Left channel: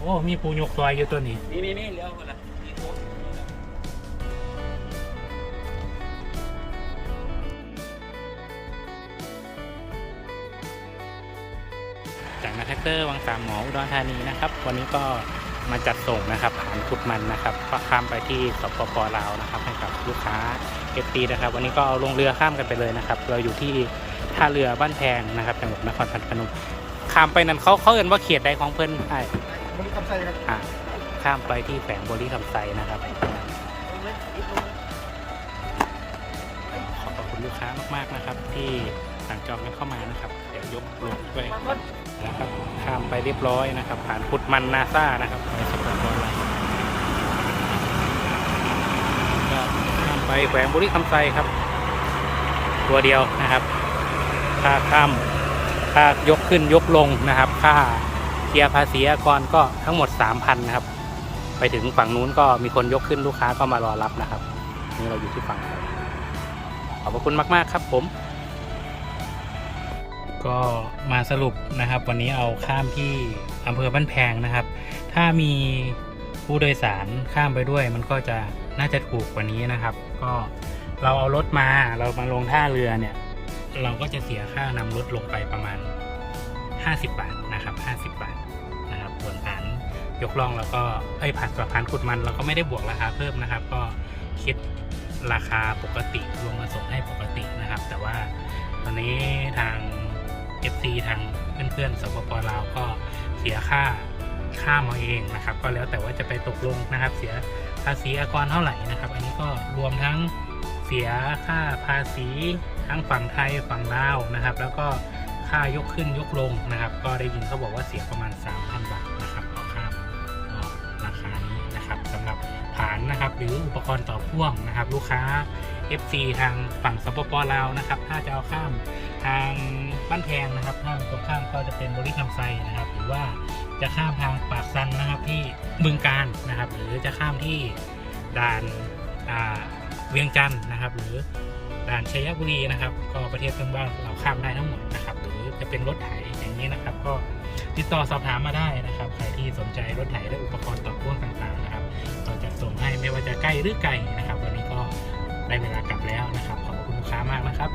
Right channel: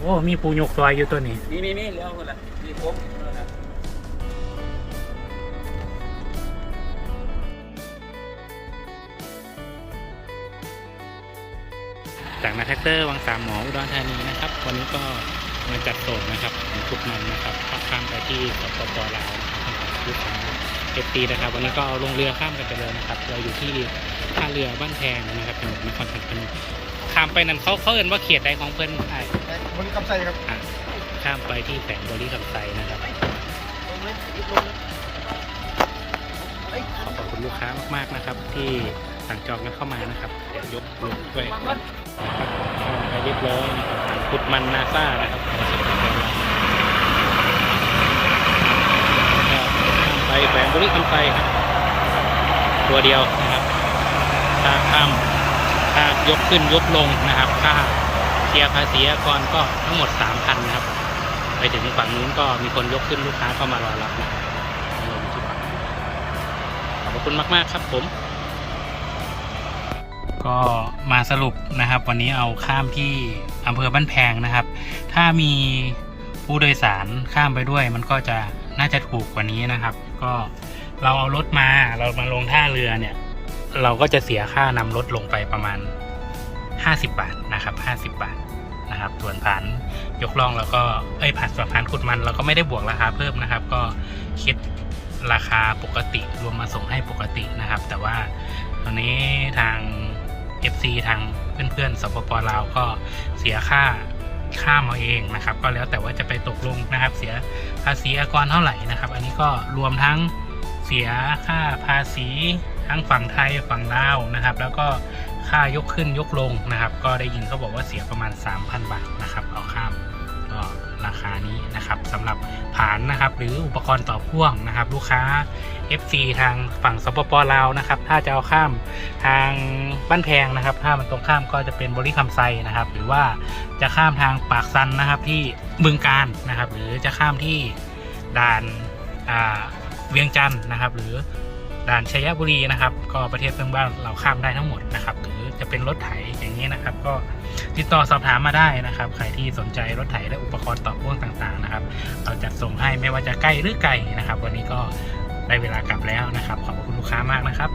อ้มีปูยกซอยอยู่ตัวนี้ นี่นี่นี่เลี้ยวคนละมีโค้งจากนาแท็กเตอร์วังสามหมออุดรธานีนะครับ วันนี้ก็มาจัดส่งนะครับผ่านขุดมันนะครับข้ามไปที่สปปลาวนะครับให้กับลูกค้าเอฟตีนะครับ วันนี้ก็เอาลงเรือข้ามกันไปเลยนะครับ เราอยู่ที่ท่าเรือบ้านแพงนะครับจังหวัดนครพนมข้ามไปนั่นเขาเขาเอ่นว่าเขียดใดของเพิ่นอะ บริกรรมใส่ครับอะข้ามไปที่แฝงบริคำไซนะครับขอบคุณลูกค้ามากๆนะครับ ที่สั่งจองกันเข้ามานะครับ เดี๋ยวยกลงด้วยนะครับข้ามไปเรียบร้อยนะครับผ่านพุดมันนาซ่านะครับก็ข้ามไปแขวงบุรีคำไซครับ ตัวเดียวนะครับค่าข้ามค่ายกขึ้นยกลงนะครับค่า ลียร์ภาษีอากรก็ทั้งหมด 3,000นะครับ ไปถึงฝั่งนู้นก็มีคนยกขึ้นลูกค้าเข้ามารอรับนะครับนี่เราอยู่ที่ฝั่งขอบคุณมาก ๆ ครับผม ก็มาสรุปนะครับ วันนี้เอาข้ามที่อำเภอบ้านแพงนะครับ ถ้ามีผู้โดยสารข้ามไปด้วย มันก็จะน่าจะถูกกว่านี้นะครับ ก็เราเอารถมาเรามาลงท่าเรือเนี่ย เราก็จะเสียค่านำรถลงไปประมาณ 50 บาทนะครับ 50 บาทนะครับส่วนผ่านยกล่องแล้วก็เอ้ยผ่านส่วนผ่านขุดมันเราก็ไม่ได้บวกราคาเพิ่มนะครับ ก็คิดราคาปกติรวมมาส่งให้ปกตินะครับ แต่ว่าตอนนี้ทาง FC ทางเพื่อนๆสปปลาวก็เสียค่าข้ามาเองนะครับ ก็แล้วแต่ว่าจะไปตกลงนะครับ เสียภาษีอากรเท่าไหร่นะครับ อันนี้ก็รวมทั้งเสียค่าภาษีทั้งฝั่งไทยฝั่งลาวนะครับ แล้วก็ ค่ายกขึ้นยกลงนะครับ ก็ได้ยินเขาบอกว่าเสียประมาณ 3,000 บาทนะครับต่อข้ามก็ราคานี้นะครับสำหรับผานนะครับ หรืออุปกรณ์ต่อพ่วงนะครับ ลูกค้า FC ทางฝั่งสปปลาวนะครับ ถ้าจะเอาข้ามทางบ้านแพงนะครับถ้ามันตรงข้ามก็จะเป็นบริคำไซนะครับ หรือว่าจะข้ามทางปากซันนะครับที่บึงการนะครับ หรือจะข้ามที่ด่านเวียงจันทร์นะครับ หรือ ด่านชัยบุรีนะครับ ก็ประเทศเพื่อนบ้านเราข้ามได้ทั้งหมดนะครับหรือจะเป็นรถไถอย่างนี้นะครับ ก็ติดต่อสอบถามมาได้นะครับใครที่สนใจรถไถและอุปกรณ์ต่อพ่วงต่างๆนะครับ เราจัดส่งให้ไม่ว่าจะใกล้หรือไกลนะครับ วันนี้ก็ได้เวลากลับแล้วนะครับ ขอบคุณลูกค้ามากนะครับ